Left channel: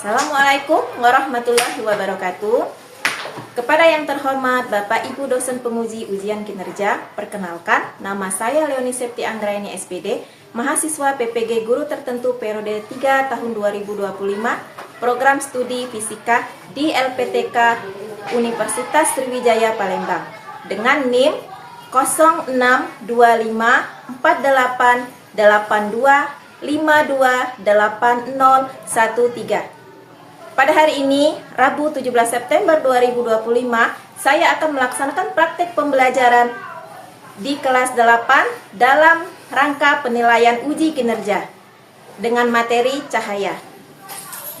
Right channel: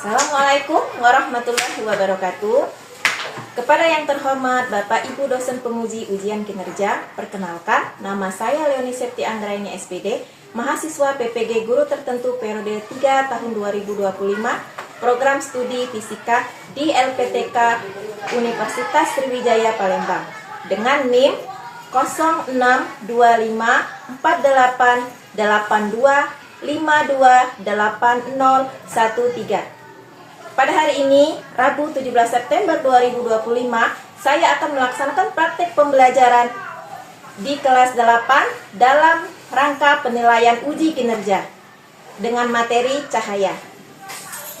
Assalamualaikum warahmatullahi wabarakatuh. Kepada yang terhormat Bapak Ibu dosen penguji ujian kinerja, perkenalkan, nama saya Leoni Septi Anggraini SPD, mahasiswa PPG Guru Tertentu periode 3 tahun 2025, program studi fisika di LPTK Universitas Sriwijaya Palembang, dengan NIM 0625482825280013. Pada hari ini, Rabu 17 September 2025, saya akan melaksanakan praktek pembelajaran di kelas 8 dalam rangka penilaian uji kinerja dengan materi cahaya.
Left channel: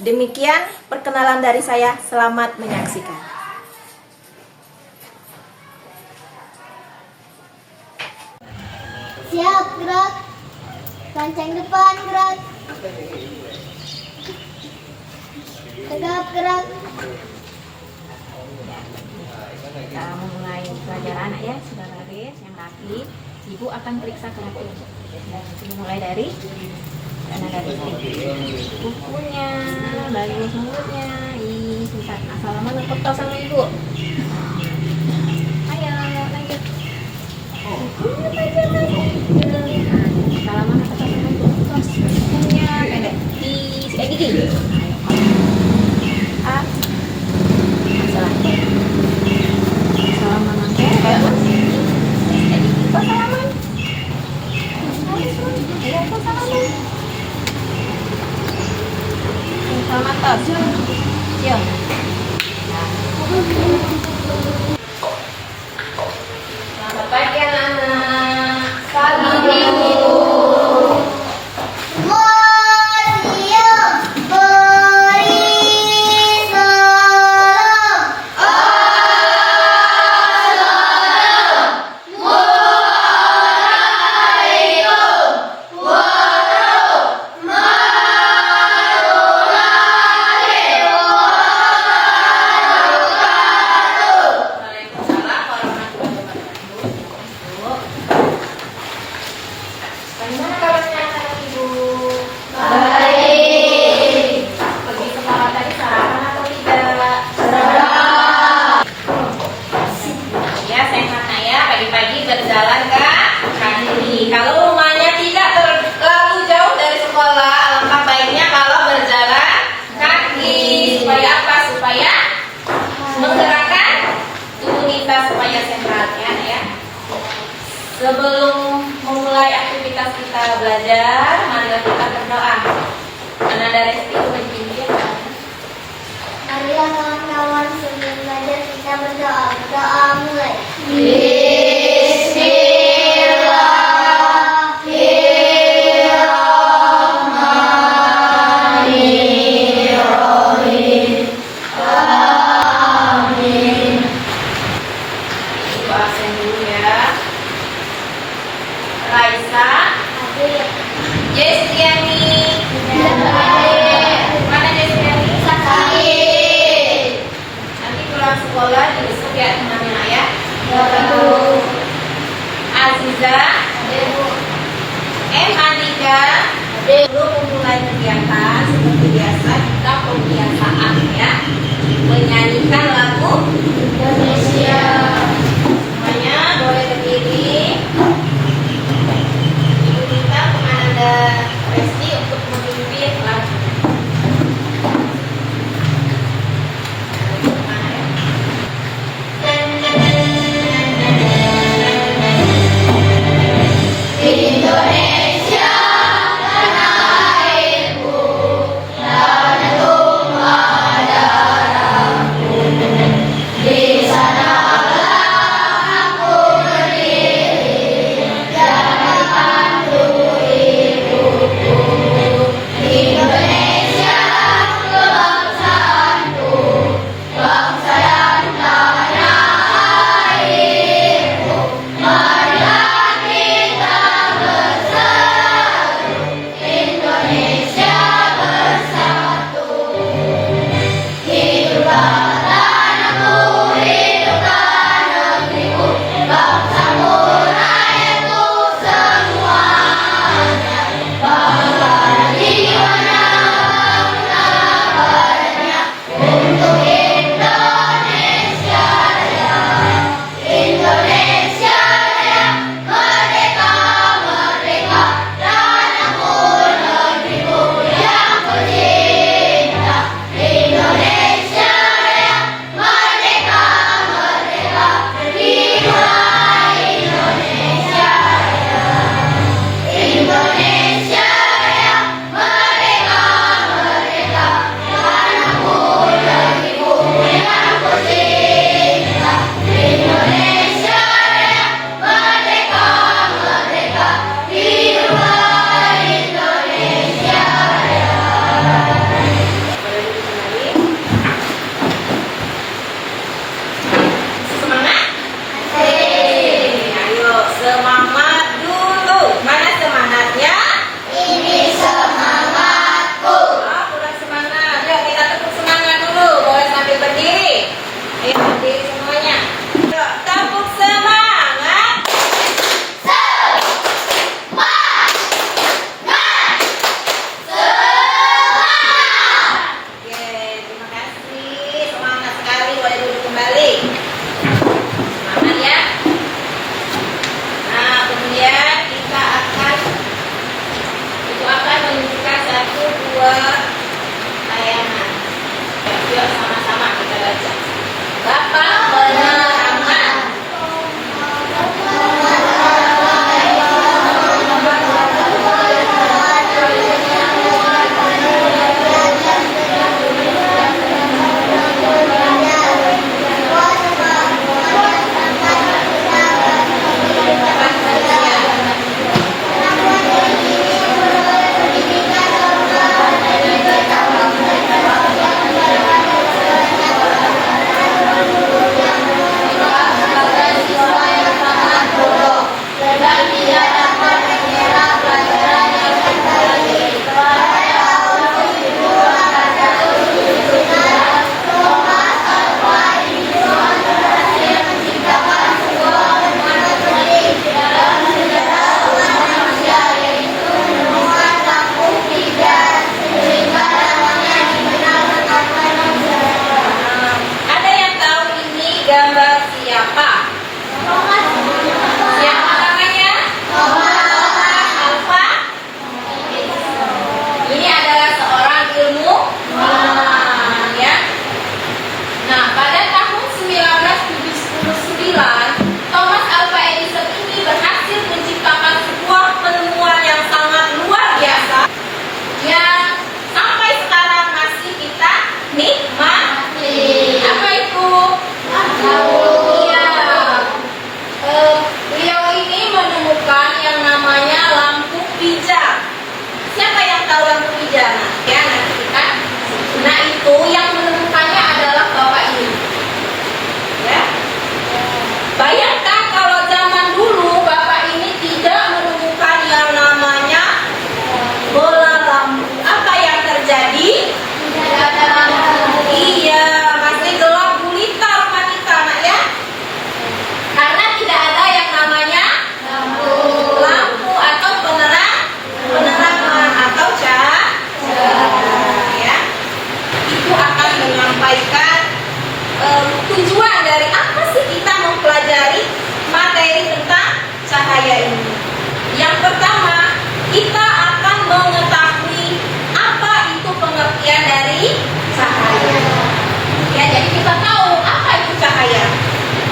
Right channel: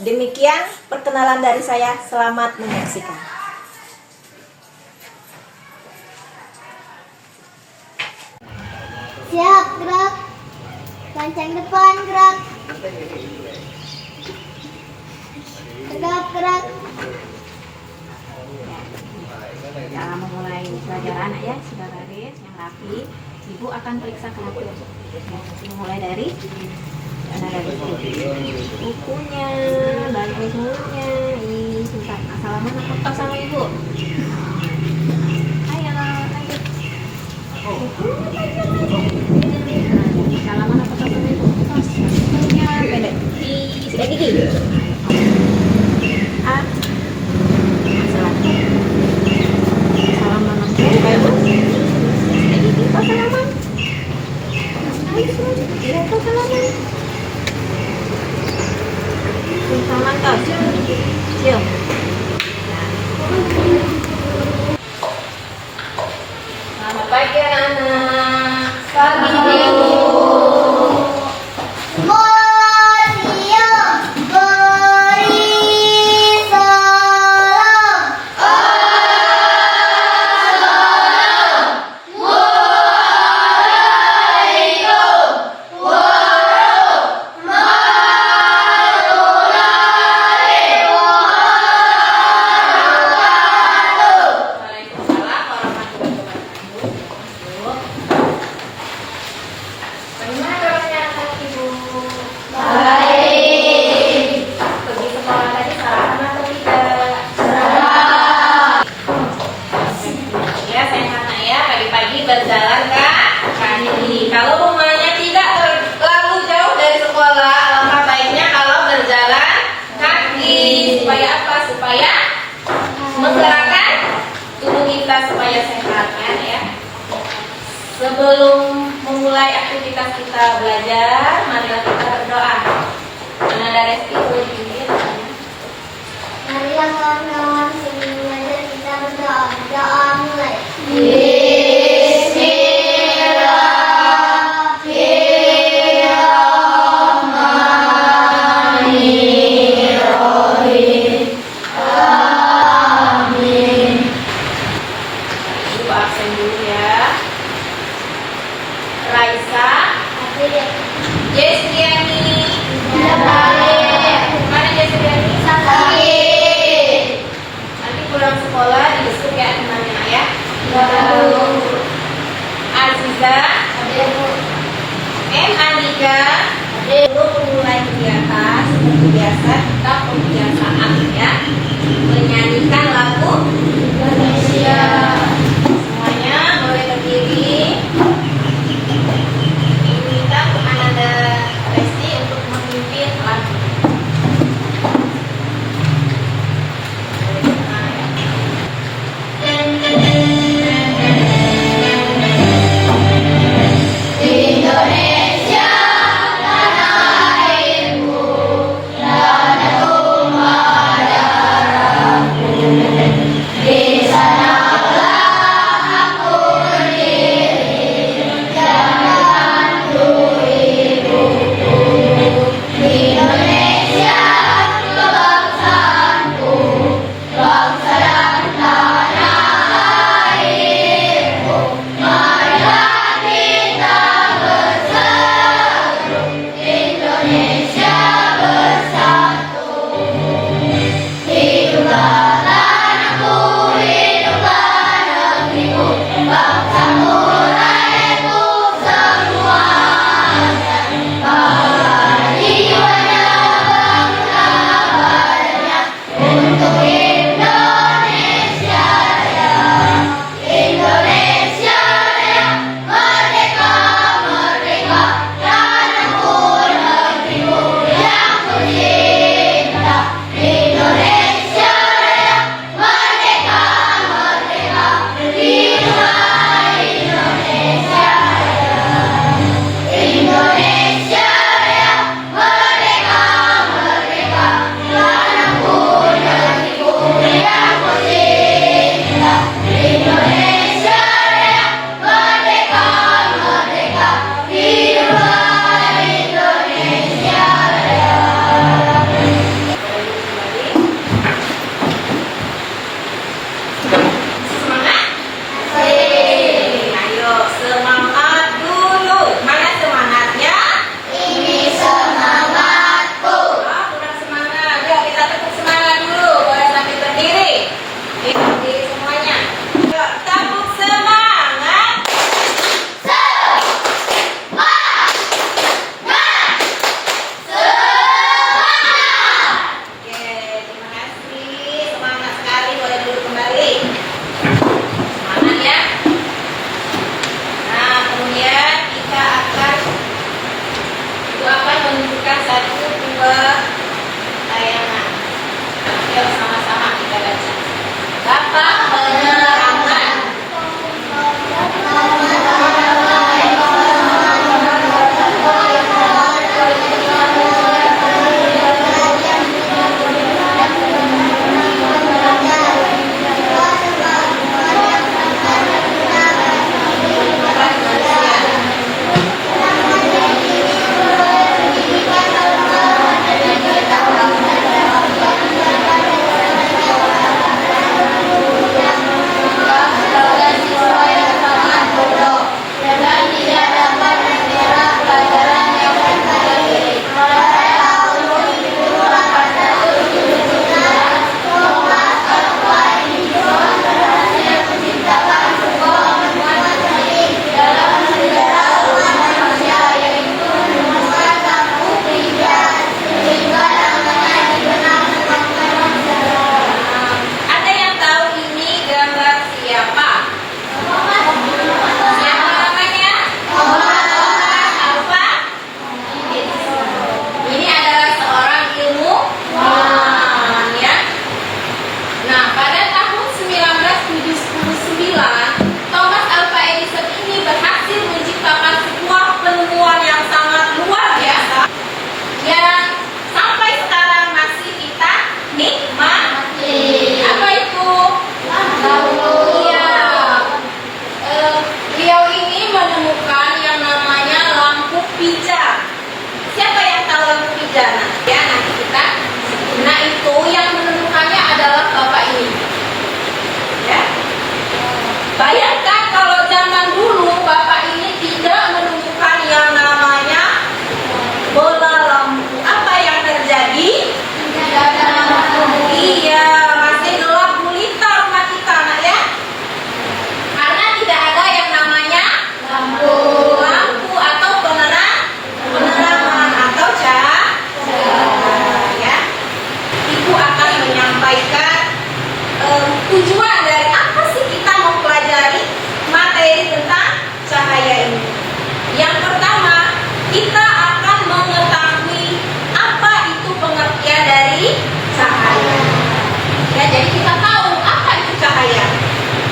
Demikian perkenalan dari saya, selamat menyaksikan. Siap, gerak. Lancang depan, gerak. Tegap, gerak. Kita memulai pelajaran ya, sudah baris, yang rapi. Ibu akan periksa kerapian. Mulai dari bukunya, bagus mulutnya. Susah. Salaman apa foto sama ibu? Ayo, lanjut. Salaman apa foto sama ibu? Bukunya pendek. Sikat gigi. Salaman langsung bagus. Sikat gigi. Kok salaman? Iya, kok salaman? Salaman tos. Yuk. Selamat pagi anak. Pagi ibu. Museum beri salam. Waalaikumsalam warahmatullahi wabarakatuh. Bagaimana kabarnya anak ibu? Baik. Pergi sekolah tadi sarapan atau tidak? Sarapan. Ya, sehat nak ya. Pagi-pagi berjalan kaki. Kalau rumahnya tidak terlalu jauh dari sekolah, alangkah baiknya kalau berjalan kaki. Supaya apa? Supaya menggerakkan tubuh kita supaya sehat ya. Sebelum memulai aktivitas kita belajar, marilah kita berdoa. Karena dari itu begini ya. Marilah kawan-kawan sebelum belajar kita berdoa. Doa mulai. Ibu absen dulu ya. Raisa, Jestiani, mana sampaikan tujuan dari apa sih kita mempelajari materi tentang cahaya ini. Yang pertama, kita akan mengetahui apa itu pengertian dari cahaya. Ya, jadi kita tahu apa itu cahaya.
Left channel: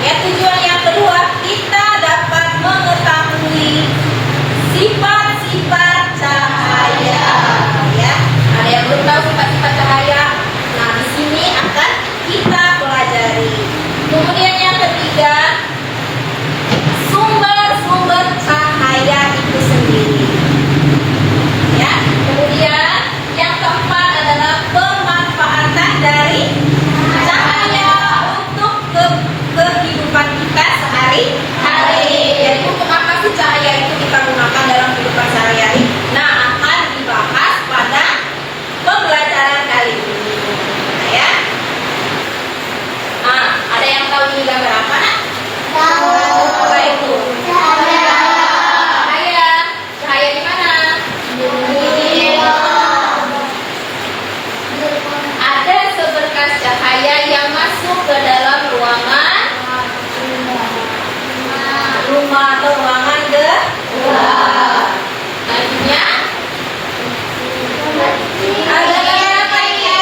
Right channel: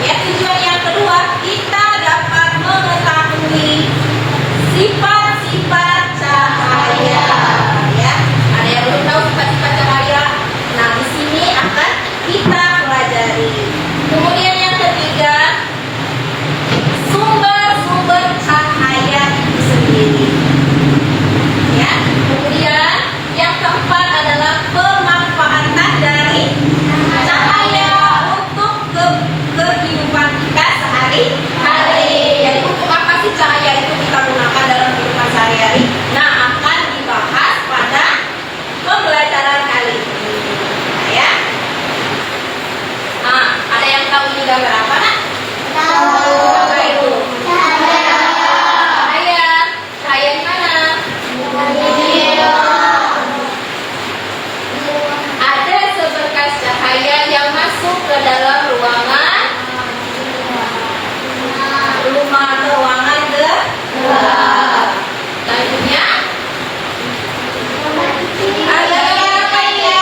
Ya, tujuan yang kedua, kita dapat mengetahui sifat-sifat cahaya. Ya, ada yang belum tahu sifat-sifat cahaya? Nah, di sini akan kita pelajari. Kemudian yang ketiga, sumber-sumber cahaya itu sendiri. Ya, kemudian yang keempat adalah pemanfaatan dari cahaya untuk kehidupan kita sehari-hari. Jadi untuk apa sih cahaya itu kita gunakan dalam kehidupan sehari-hari? Nah, akan dibahas pada pembelajaran kali ini. Nah, ya. Nah, ada yang tahu ini gambar apa, Nak? Tahu. Apa itu? Cahaya. Cahaya. Cahaya di mana? Ada seberkas cahaya yang masuk ke dalam ruangan rumah atau ruangan kedua. Selanjutnya, ada yang apa ya?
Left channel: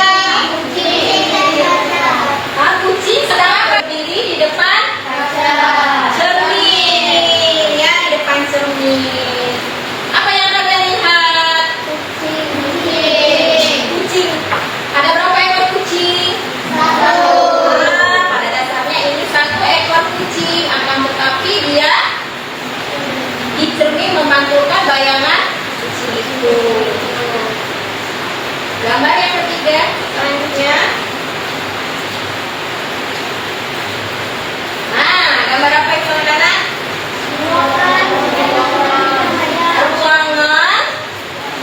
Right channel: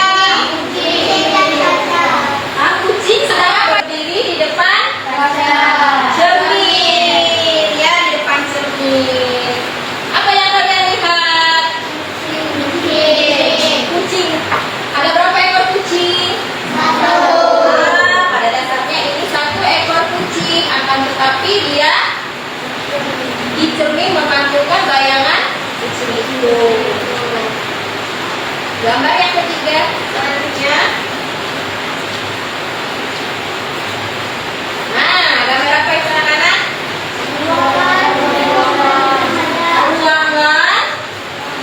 Kucing sedang berdiri di depan cermin. Ya, di depan cermin. Apa yang kalian lihat? Kucing. Ada berapa ekor kucing? Pada dasarnya ini satu ekor kucing, akan tetapi dia di cermin memantulkan bayangan kucing itu. Gambar yang ketiga selanjutnya. Nah, gambar apa itu anak-anak? Ruangan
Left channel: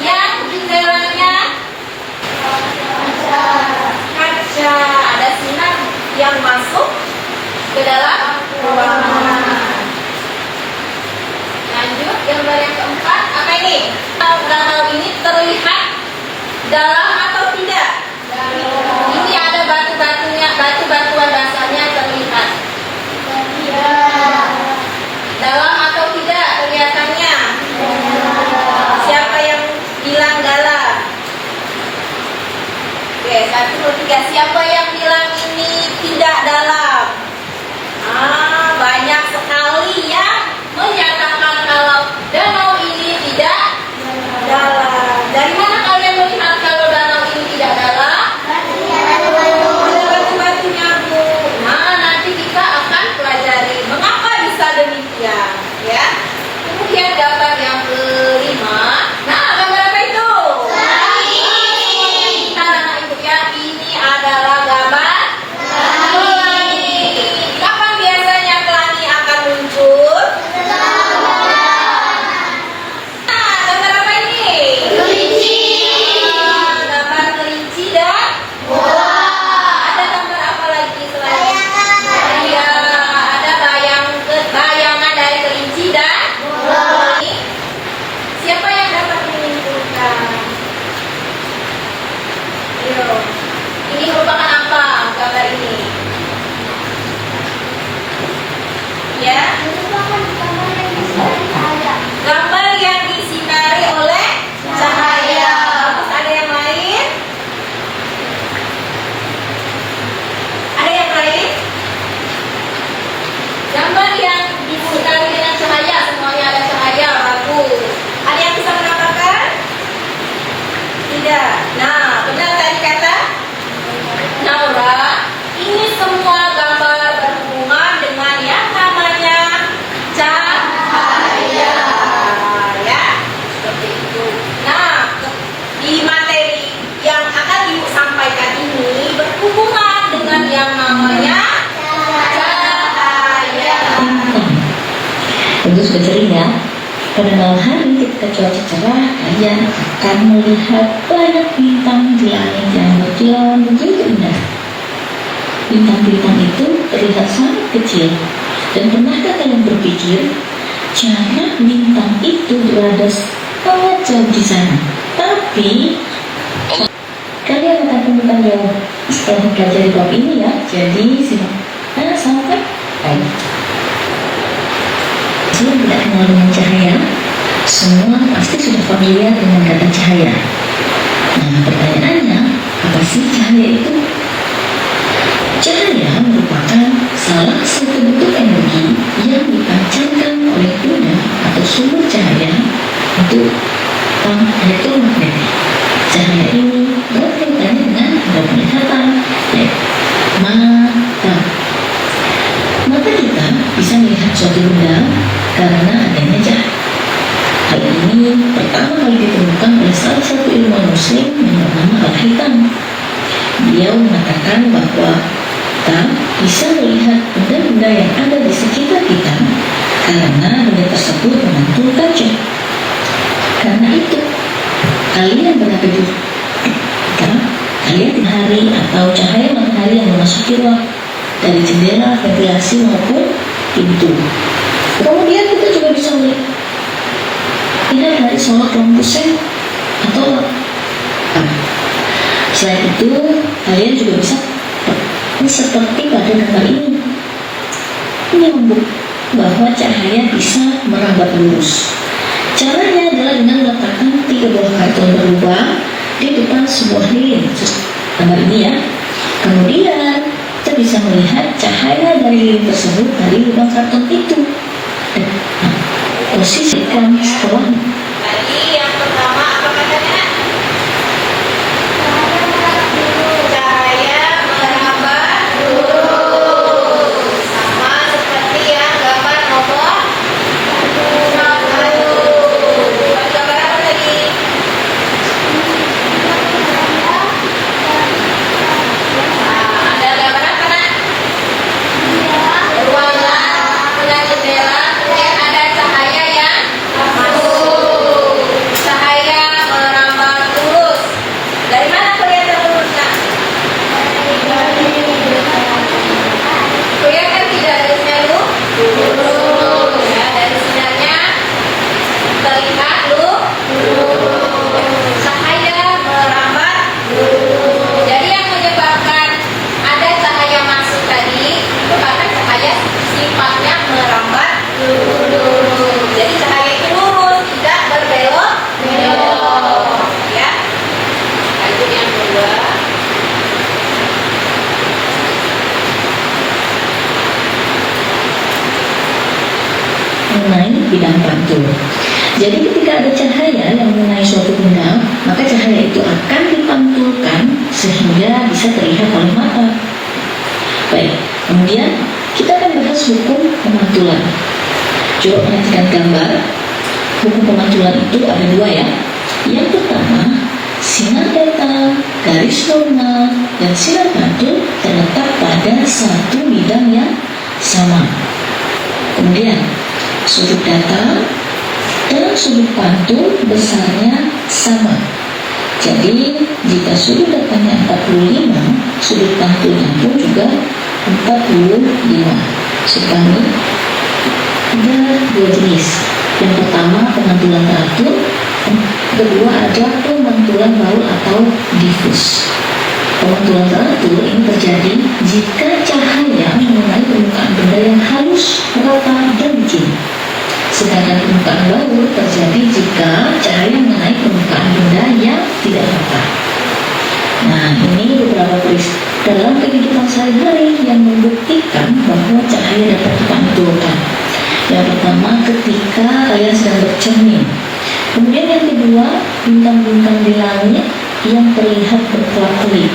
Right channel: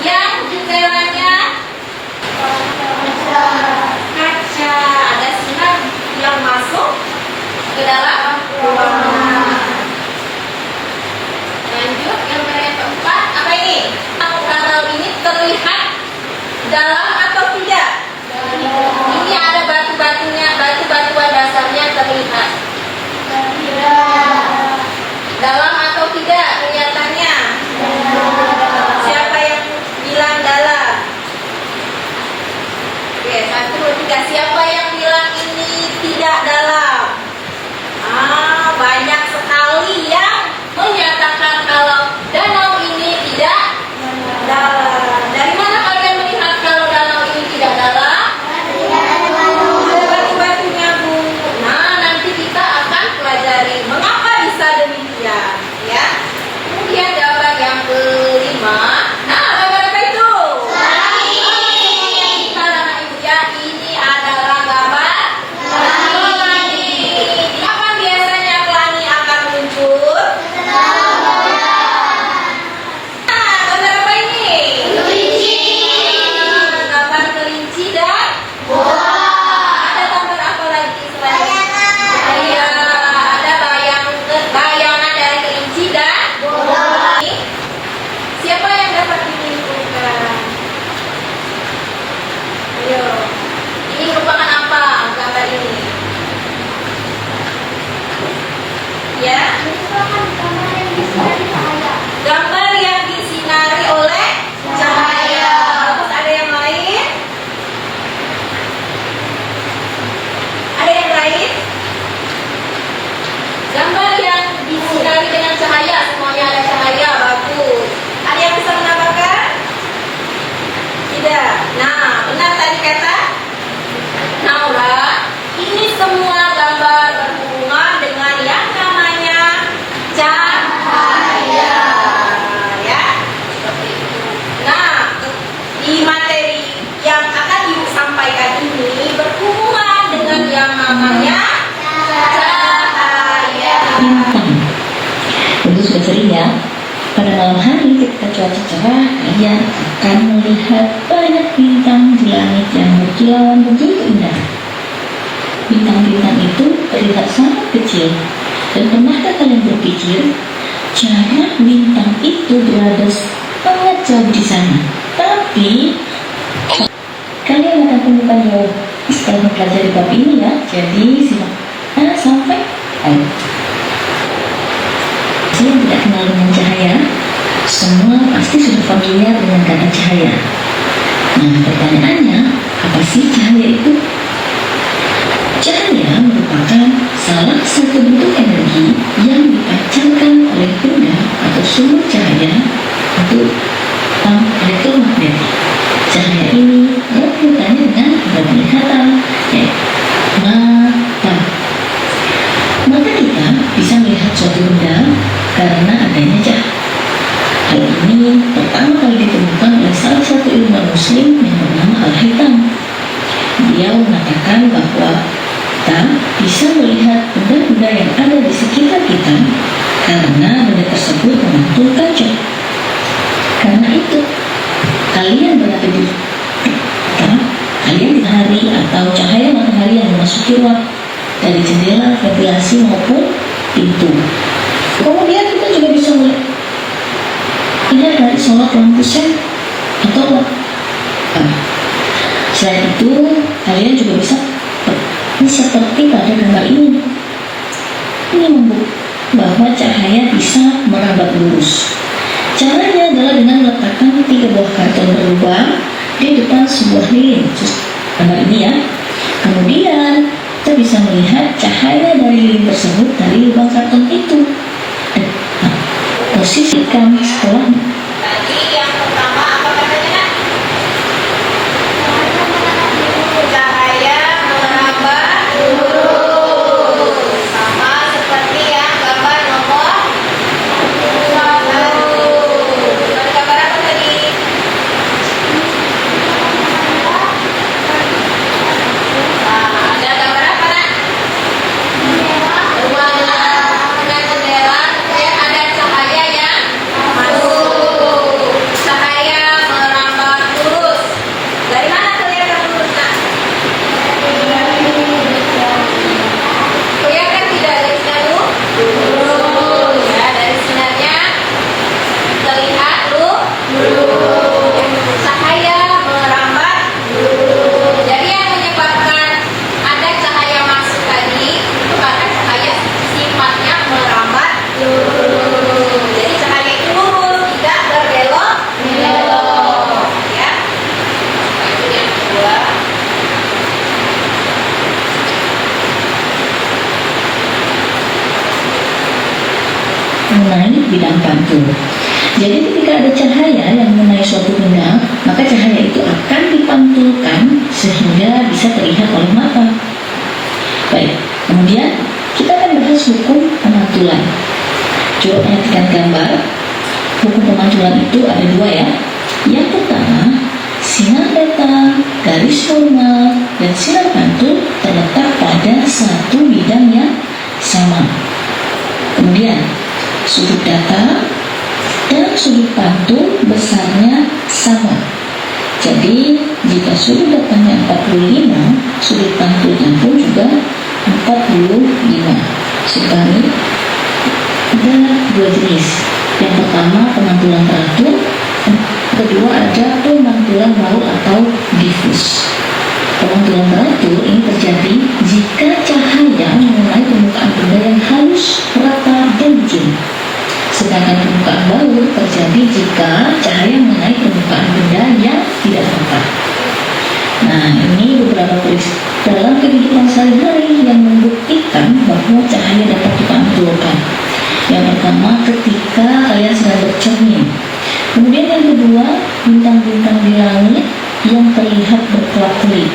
yang jendelanya kaca, ada sinar yang masuk ke dalam ruangan. Lanjut, gambar yang keempat, apa ini? Danau ini terlihat dalam atau tidak? Ini ada batu-batunya, batu-batuan dasarnya terlihat. Dalam atau tidak kelihatannya? Siapa yang bilang dalam? Oke, 1, 2, 3. Siapa yang bilang ini tidak dalam? Banyak sekali yang menyatakan kalau danau ini tidak dalam. Dari mana kalian melihat kalau danau ini tidak dalam? Batu-batunya, Bu. Nah, nanti kita akan pelajari mengapa bisa demikian, ya. Kemudian gambar yang kelima. Nah, gambar apa itu? Langit. Nah, itu ya, ini adalah gambar langit. Kapan biasanya pelangi akan muncul? Nah, gambar apa ini? Kelinci. Gambar kelinci dan bola. Ada gambar apa lagi selain? Iya, ada bayangan dari kelinci dan bola. Siapa yang dapat menyimpulkan? Ayo. Ini merupakan apa gambar ini? Ya, gambar yang disinari oleh cahaya. Terus ada yang lain? Ada yang lain? Gambar yang disinari dengan cahaya, semuanya ada cahaya, bagus. Ada yang bisa menambahkan? Tidak. Nah, benar tadi kata Naura, ini semua gambar berhubungan dengan yang namanya cahaya. Ya, seperti itu. Nah, di materi yang akan Ibu sampaikan ini berhubungan dengan yang namanya cahaya. Tentu sudah sering ya, pada malam hari ketika cuaca cerah, kalian akan melihat banyak bintang di langit yang berkilauan begitu indah. Bintang-bintang itu terlihat sangat kecil. Dan pernahkah kalian berpikir, jarak bintang itu berada sangat jauh di sana, tapi kalian akan temukan jauh setelah mempelajari bab ini ya. Jadi simak sampai yang tidak kenal dengan cahaya, semua pasti sudah familiar dengan kata cahaya. Nah, pertanyaannya, apa sih cahaya itu? Cahaya merupakan salah satu bentuk energi yang dipancarkan oleh benda atau sumber cahaya untuk elektromagnetik. Cahaya ini erat kaitannya dengan penglihatan, yaitu mata. Mata kita bisa melihat suatu benda karena adanya cahaya. Hal ini pertama kali ditemukan oleh salah satu ilmuwan muslim yang bernama Al-Haytham. Dia mengatakan bahwa kita bisa melihat benda-benda yang ada di sekitar kita karena benda tersebut memantulkan cahaya. Karena itu, kalian berada di matahari atau cahaya matahari yang memasuki ruang dari jendela, ventilasi maupun pintu. Kemudian kita juga bisa melihat dari sorot lampu sen atau selain itu, kalian juga bisa seperti pada gambar ini. Ini membuktikan bahwa cahaya bisa merambat lurus. Caranya adalah dengan meletakkan 3 buah karton berlubang di depan sebuah lilin. Gambar ini ya. Kemudian kita bisa melihat cahaya dari lilin tersebut dari lubang karton itu. Posisikan setelahnya. Tadi yang pertama apa katanya, Nak? Cahaya merambat lurus. Sama seperti yang gambar nomor 1. Bukan gambar apa tadi? Ada gambar apa, Nak? Ruangan dengan jendela, kemudian ada cahaya yang masuk. Cahaya merambat lurus. Dari mana kelihatan lurus, Kak? Kelihatan tidak garisnya lurus? Ya, dari sinarnya terlihat lurus. Cahaya merambat lurus. Jadi yang menyebabkan ada cahaya masuk tadi itu karena cahaya sifatnya merambat lurus. Jadi cahaya itu lurus, tidak berbelok. Ya. Itu yang kedua. Mengenai bidang pantul. Jadi ketika ada cahaya yang mengenai suatu benda, maka cahaya itu akan dipantulkan sehingga bisa terlihat oleh mata. Baik, kemudian kita akan bahas hukum pemantulan. Coba perhatikan gambar. Hukum pemantulan itu ada 2 ya. Yang pertama, sinar datang, garis normal, dan sinar pantul terletak pada satu bidang yang sama. Kemudian, sudut datang dan sudut pantul besarnya sama. Jadi, jika sudut datangnya 45, sudut pantulnya pun juga 45. Sekarang ada 2 jenis. Yang pertama pemantulan teratur, yang kedua ada pemantulan baul atau difus. Pemantulan teratur ini terjadi jika cahaya mengenai permukaan benda yang halus, rata, dan licin. Sedangkan permukaan baul terjadi jika cahaya mengenai permukaan benda yang tidak rata. Nah, ini beberapa peristiwa dalam kehidupan sehari-hari yang membuktikan bahwa cahaya dapat dipantulkan. Yang pertama, ketika kalian sedang bercermin. Kemudian yang kedua, bintang-bintang di langit yang terlihat berkelap-kelip.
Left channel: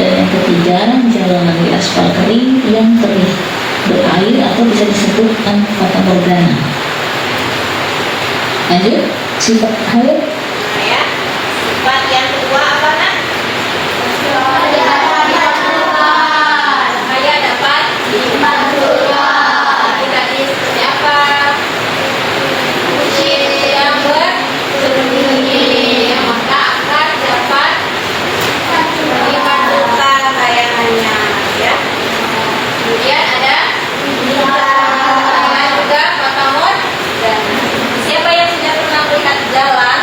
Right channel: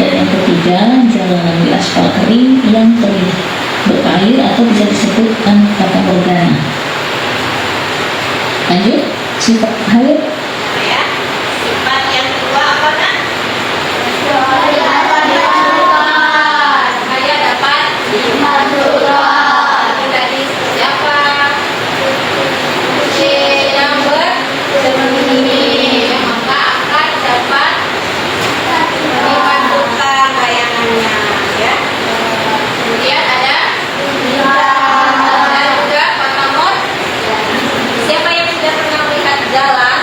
Dan yang ketiga, jalanan di aspal kering yang terlihat berair atau bisa disebut fata morgana. Lanjut, sifat cahaya. Ya. Sifat yang kedua apa, Nak? Cahaya dapat dipantulkan. Tadi seperti apa? Yang bersemi, maka akan dapat dipantulkan layangannya, ya. Kemudian ada bintang dan juga fata morgana. Siapa yang sudah pernah melihat jalan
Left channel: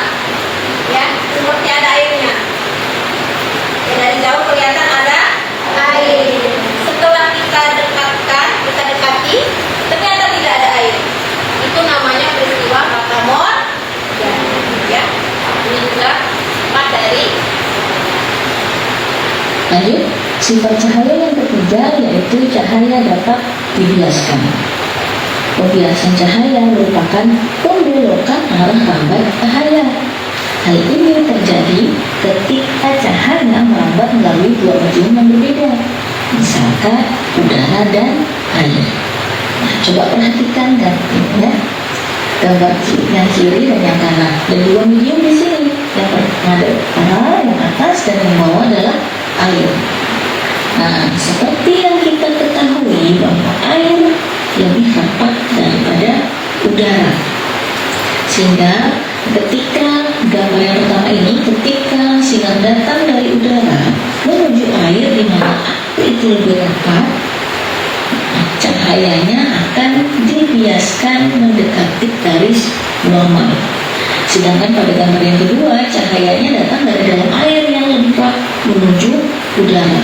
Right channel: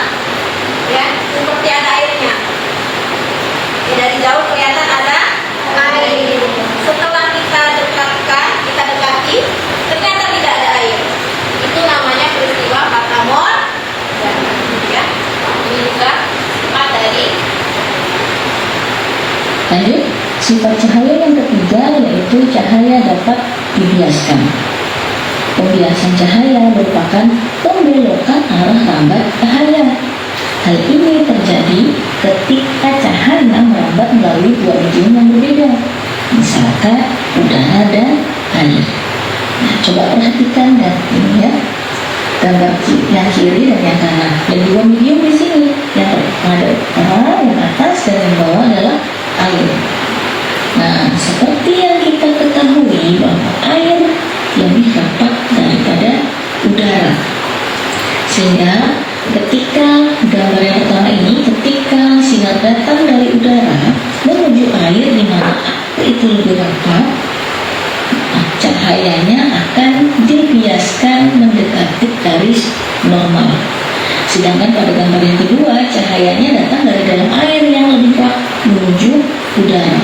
Lanjut, sifat cahaya yang ketiga yaitu cahaya dapat dibiaskan. Pembiasan cahaya merupakan pembelokan arah lambat cahaya. Hal ini terjadi ketika cahaya merambat melalui dua medium yang berbeda, misalkan udara dan air. Nah, coba perhatikan dan ini ya, gambar yang kiri dan yang kanan. Ada dua medium di sini. Yang ada yang atas dan yang bawah adalah air. Nah, seperti yang kita ketahui bahwa air lebih rapat daripada udara, sehingga ketika gambar yang pertama ini, ketika sinar datang dari udara menuju air di mana air itu lebih rapat, cahayanya akan dibiaskan mendekati garis normal. Sedangkan pada gambar yang kedua, cahayanya datang dari dalam air yang lebih rapat menuju udara,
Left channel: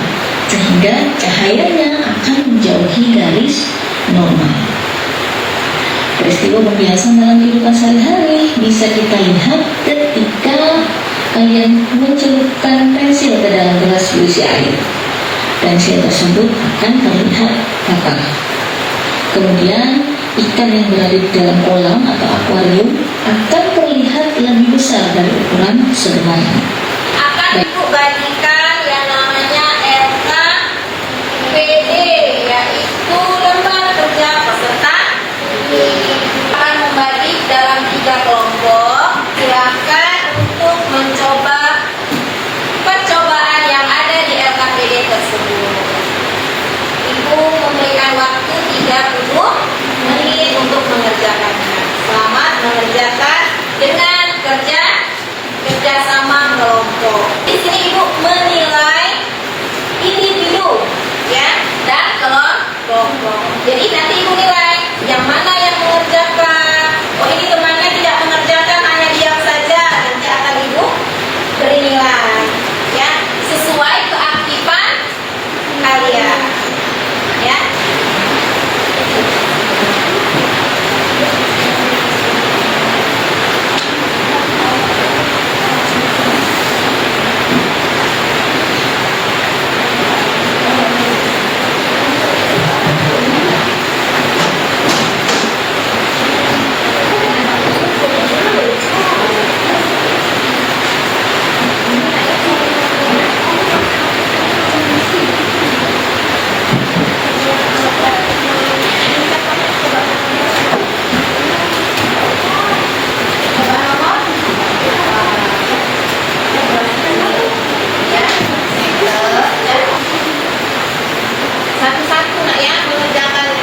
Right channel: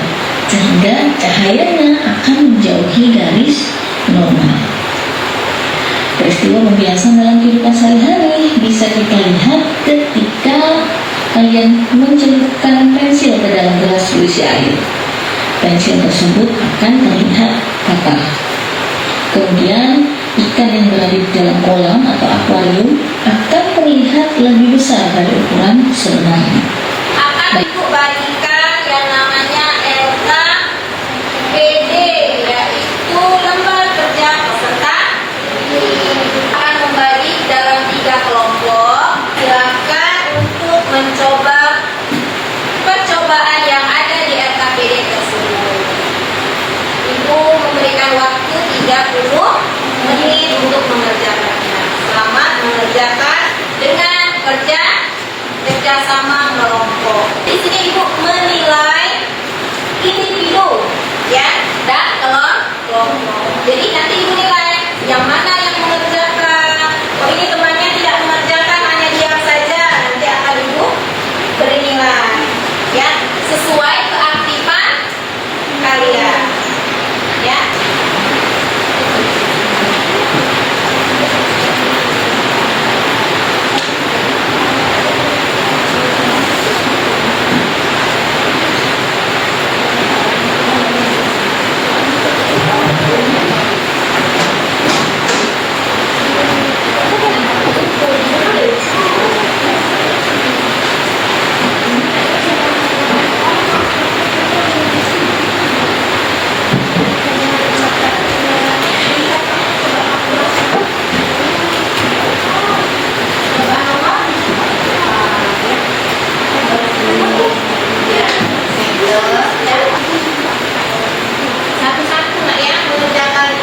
sehingga cahayanya akan menjauhi garis normal. Peristiwa pembiasan dalam kehidupan sehari-hari bisa kita lihat ketika kalian mencelupkan pensil ke dalam gelas berisi air. Pensil tersebut akan terlihat patah. Kemudian ikan yang berada di dalam kolam atau akuarium akan terlihat lebih besar dari ukuran sebenarnya. Akan Ibu bagikan yang namanya RKPD, yaitu lembar kerja peserta. Akan membagi dalam 3 kelompok. Silakan untuk mencoba percobaan yang ada di RKPD tersebut. Ibu memberikan waktu 30 menit untuk mengerjakannya. Selamat mengerjakan dengan kerjasama kelompok. Di sini Ibu menilai individu ya dan kelompok. Jadi nanti Ibu nilai yang mana yang mengerjakan. Oh, ini temannya tidak mengerjakan, hanya diam saja. Nanti akan Ibu beri nilai ya sesuai keaktifan kalian ya. Satu-satu nak ya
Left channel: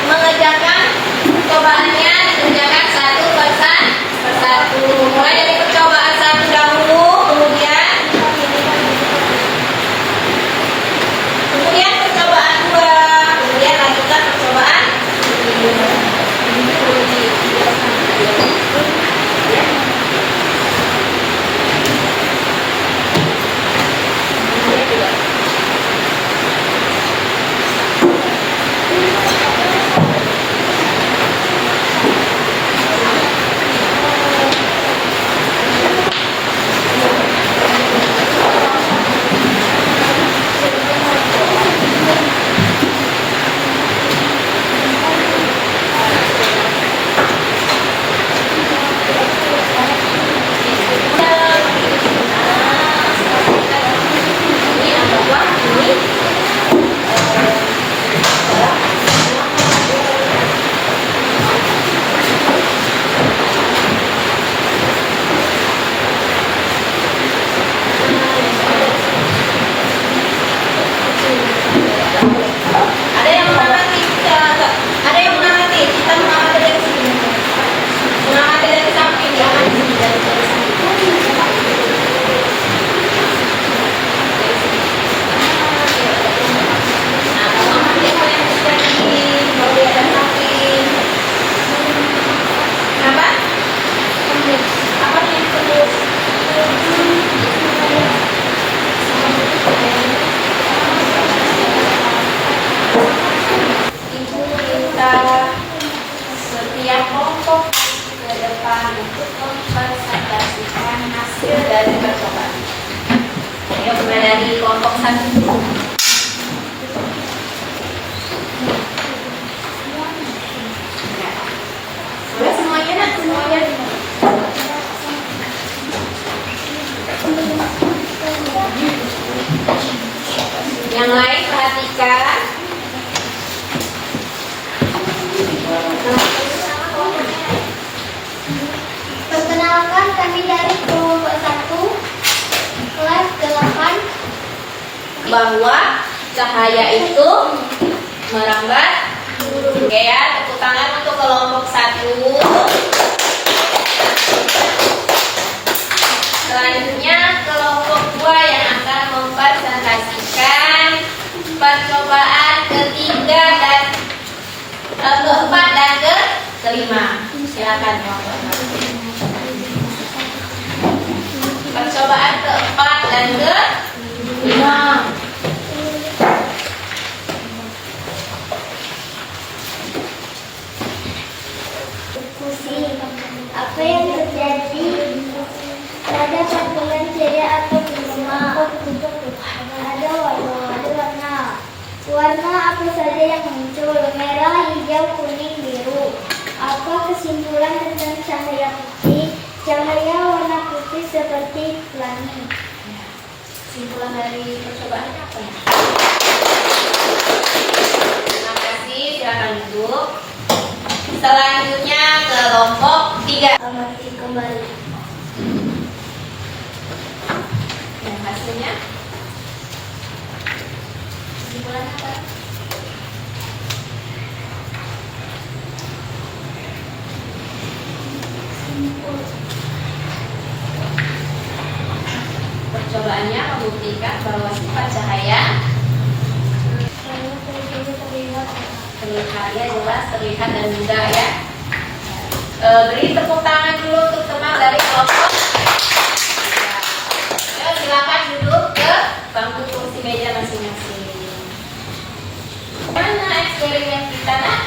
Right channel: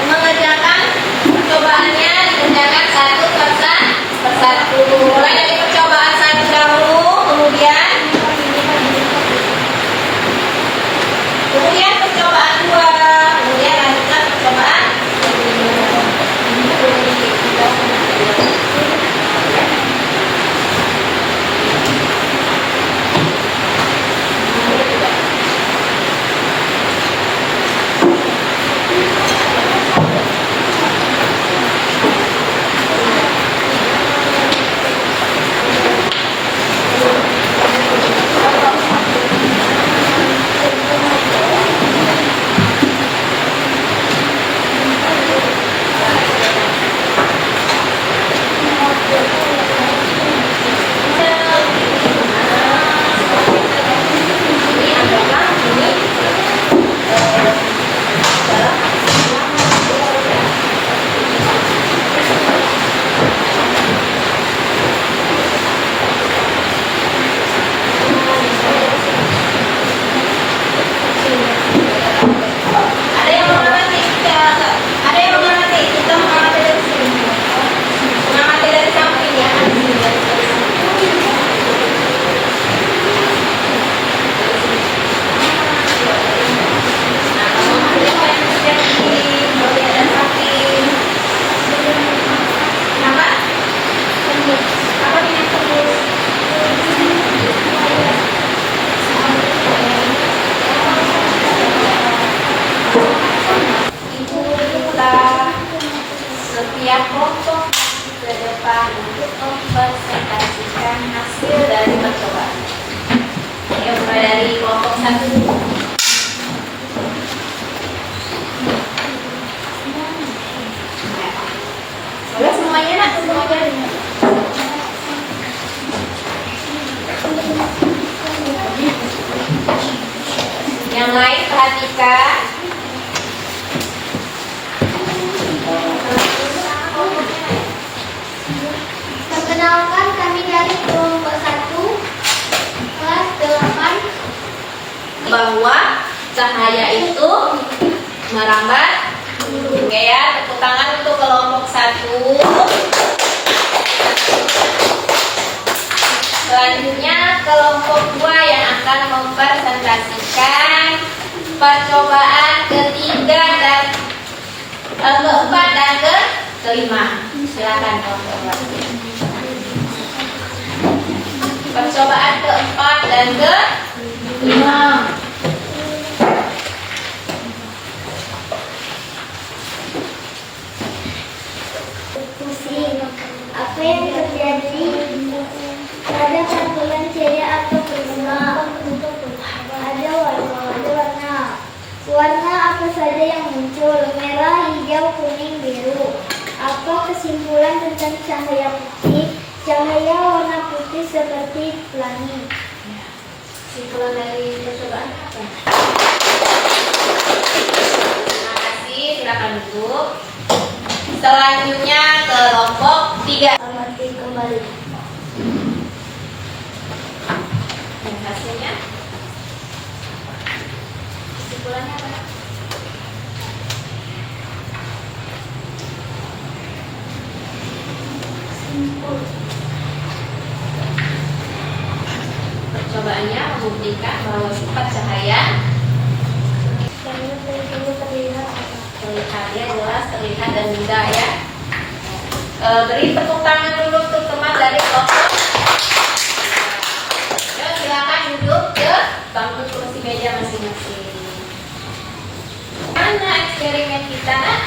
mengerjakan percobaannya, dikerjakan satu persatu. Mulai dari percobaan 1 dahulu, kemudian percobaan 2, kemudian lanjutkan percobaan 3. Dari kelompok 1. Yang lain perhatikan. Perkenalkan, kami dari kelompok 1 kelas 8. Bahwa cahaya itu merambat. Oke ya, tepuk tangan untuk kelompok 1. Selanjutnya kelompok 2 yang akan mempresentasikan percobaan ketiga dan keempat dan kelima. Silakan kelompok 2. Percobaan keempat dan kelima. Pusing. Apa yang terjadi pada partikel ceria atau prisma? Ada warna. Warna apa saja yang muncul? Merah, hijau, kuning, biru. Apa kesimpulan tentang cahaya putih? Cahaya warna putih seperti pelangi. Kesimpulan dari percobaan apa? Terima kasih, silakan duduk. Selanjutnya kelompok 3. Amati kembali. Dan hasilnya? Kesimpulannya apa? Percobaannya membuktikan bahwa sifat cahaya terlihat ya, jelas terlihat dan mudah ya. Beri tepuk tangan dulu untuk teman dari kelompok. Yuk silakan duduk ke bangku kursi meja masing-masing. Mana eksperimen kita nak?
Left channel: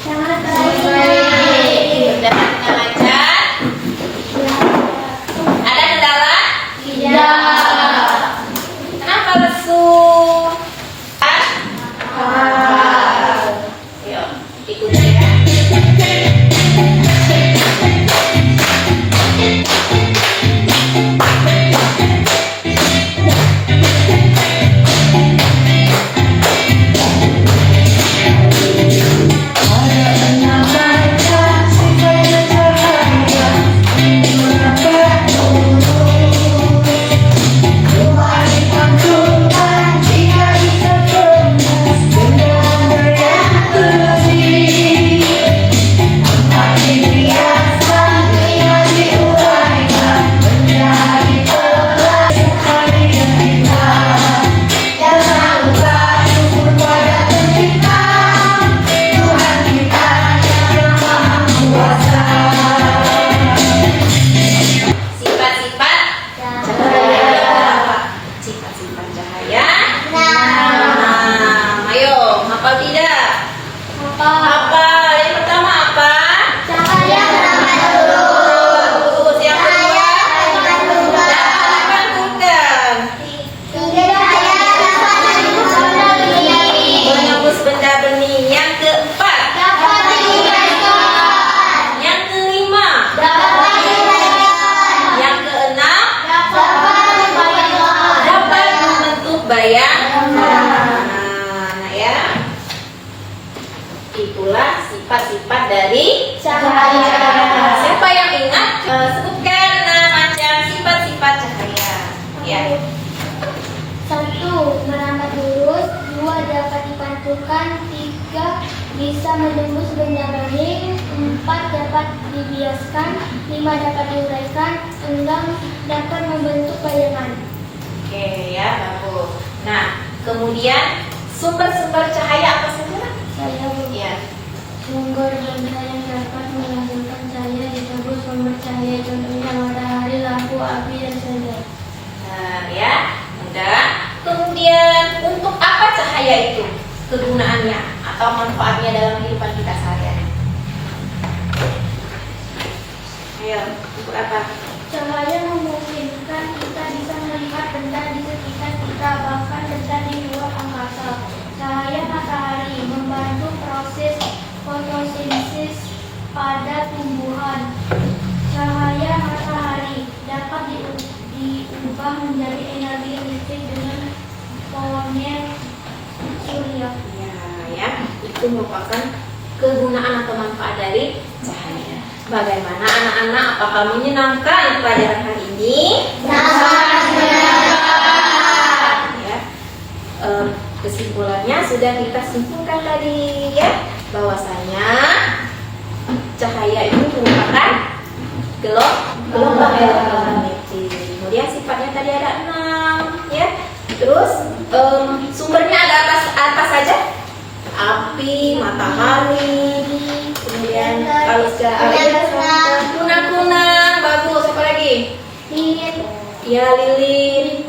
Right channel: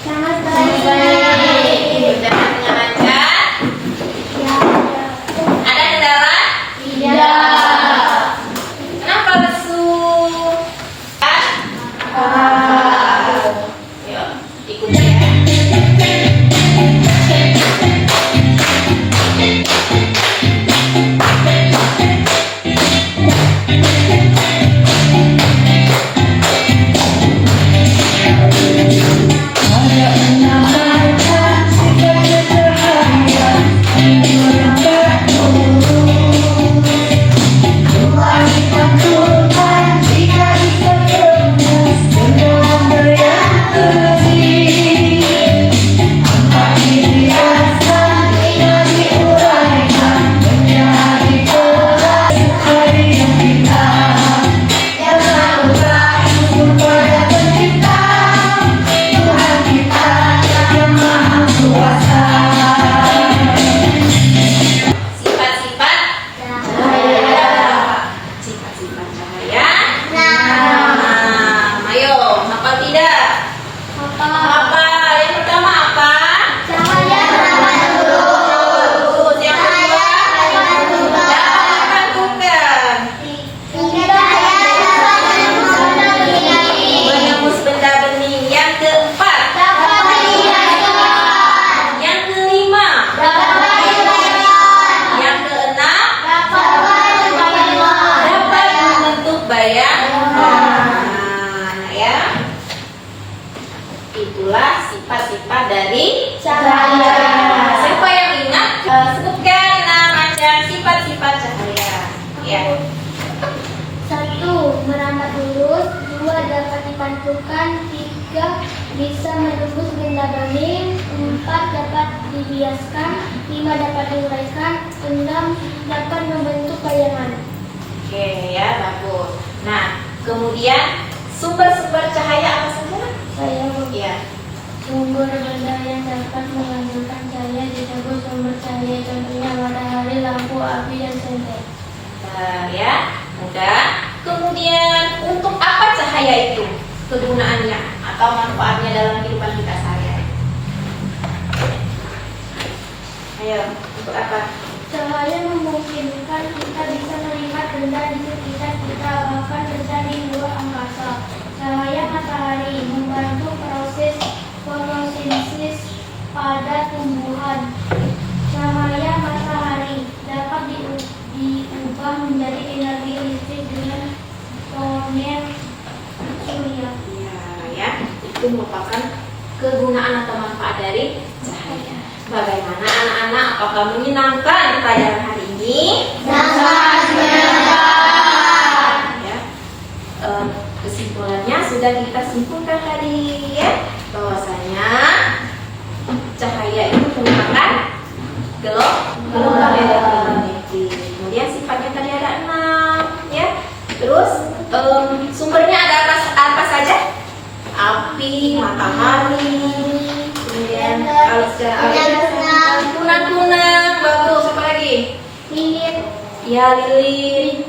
Sangat Baik, berjalan lancar. Ada kendala? Tidak. Kenapa lesu? Yuk, ikuti ya. Sifat-sifat cahaya. Sifat-sifat cahaya. Nah, ayo, hafal tidak? Apa? Yang pertama apa? Cahaya merambat dulu. Terus yang kedua? Dapat dipantulkan. Tiga cahaya dapat menembus benda bening. Menembus benda bening. Yang keempat? Dapat diuraikan. Yang kelima? Dapat diuraikan. Yang keenam? Dapat dibayangkan. Dapat membentuk bayang. Nah, ya. Itulah sifat-sifat dari Cahaya. Siapa yang ingat? Sebutkan 6 macam sifat-sifat cahaya. Ya. 1. Merambat lurus. 2. Dapat dipantulkan. 3. Bisa menembus benda bening. 4. Dapat dibiaskan. 5. Dapat diuraikan. 6. Dapat membentuk bayangan. Oke ya, bagus. Nah, kemudian sumber-sumber cahaya apa saja? Saya Ya. sumber benda yang dapat menghasilkan cahaya disebut sumber cahaya, contohnya matahari, lampu, api, dan sebagainya. Nah, ya, mudah. Kemudian untuk apa cahaya itu? Kegunaannya atau manfaatnya dalam kehidupan kita sehari-hari? Ayo, untuk apa? Cahaya memungkinkan kita bisa melihat benda di sekitar kita, bahkan benda di luar angkasa. Cahaya matahari membantu proses fotosintesis pada tumbuhan. Cahaya matahari dapat diubah menjadi energi listrik dengan itu merupakan kegunaan atau manfaat dari cahaya. Bagaimana anak-anak? Apakah menyenangkan pelajaran hari ini? Sangat menyenangkan. Ya. Kesimpulannya sudah kita simpulkan tadi ya, bahwasanya cahaya itu merupakan gelombang elektromagnetik. Kemudian sifatnya tadi ada 6 ya. Terus sumbernya ada apa saja? Api, matahari, kemudian kalau kunang-kunang, bagus. Apa lagi? Ya, lilin.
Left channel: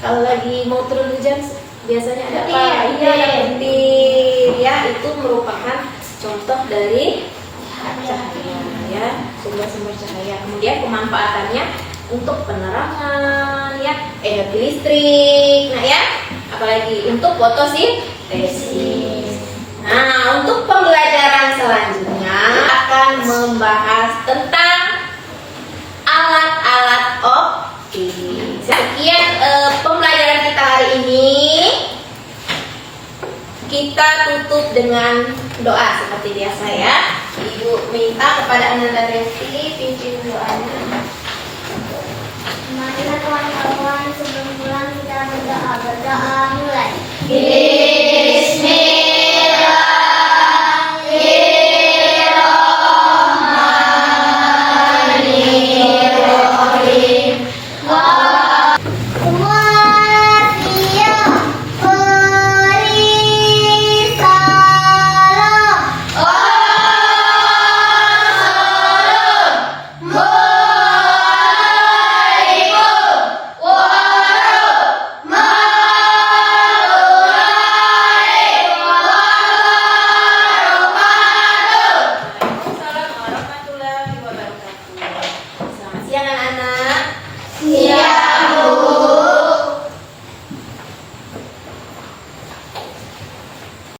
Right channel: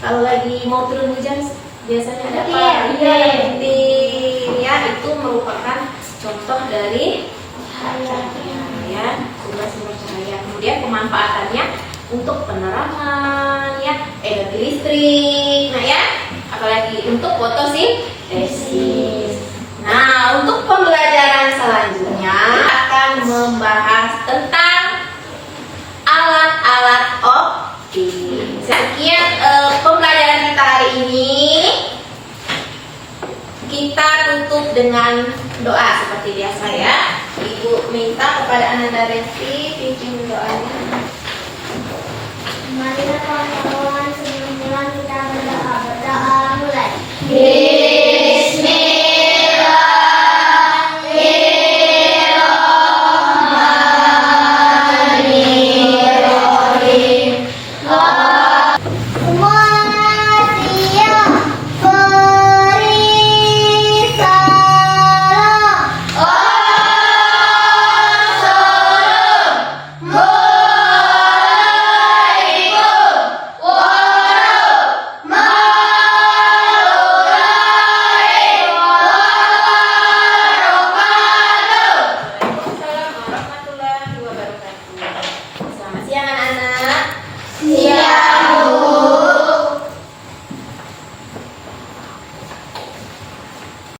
Kalau lagi mau turun hujan biasanya ada apa? Iya, lilin. Ya, itu merupakan contoh dari cahaya ya, sumber-sumber cahaya. Kemudian pemanfaatannya untuk penerangan ya, energi listrik. Nah ya, apalagi untuk fotosintesis. Nah, untuk pembelajaran selanjutnya akan membahas tentang alat-alat optik. Sekian pembelajaran kita hari ini. Kita tutup dengan doa seperti biasa ya. Ibu minta kepada Ananda Resti pimpin doanya. Marilah kawan-kawan, sebelum pulang kita berdoa. Berdoa mulai. Semua siap, beri salam. Assalamualaikum warahmatullahi wabarakatuh. Selamat siang anak-anak. Siap.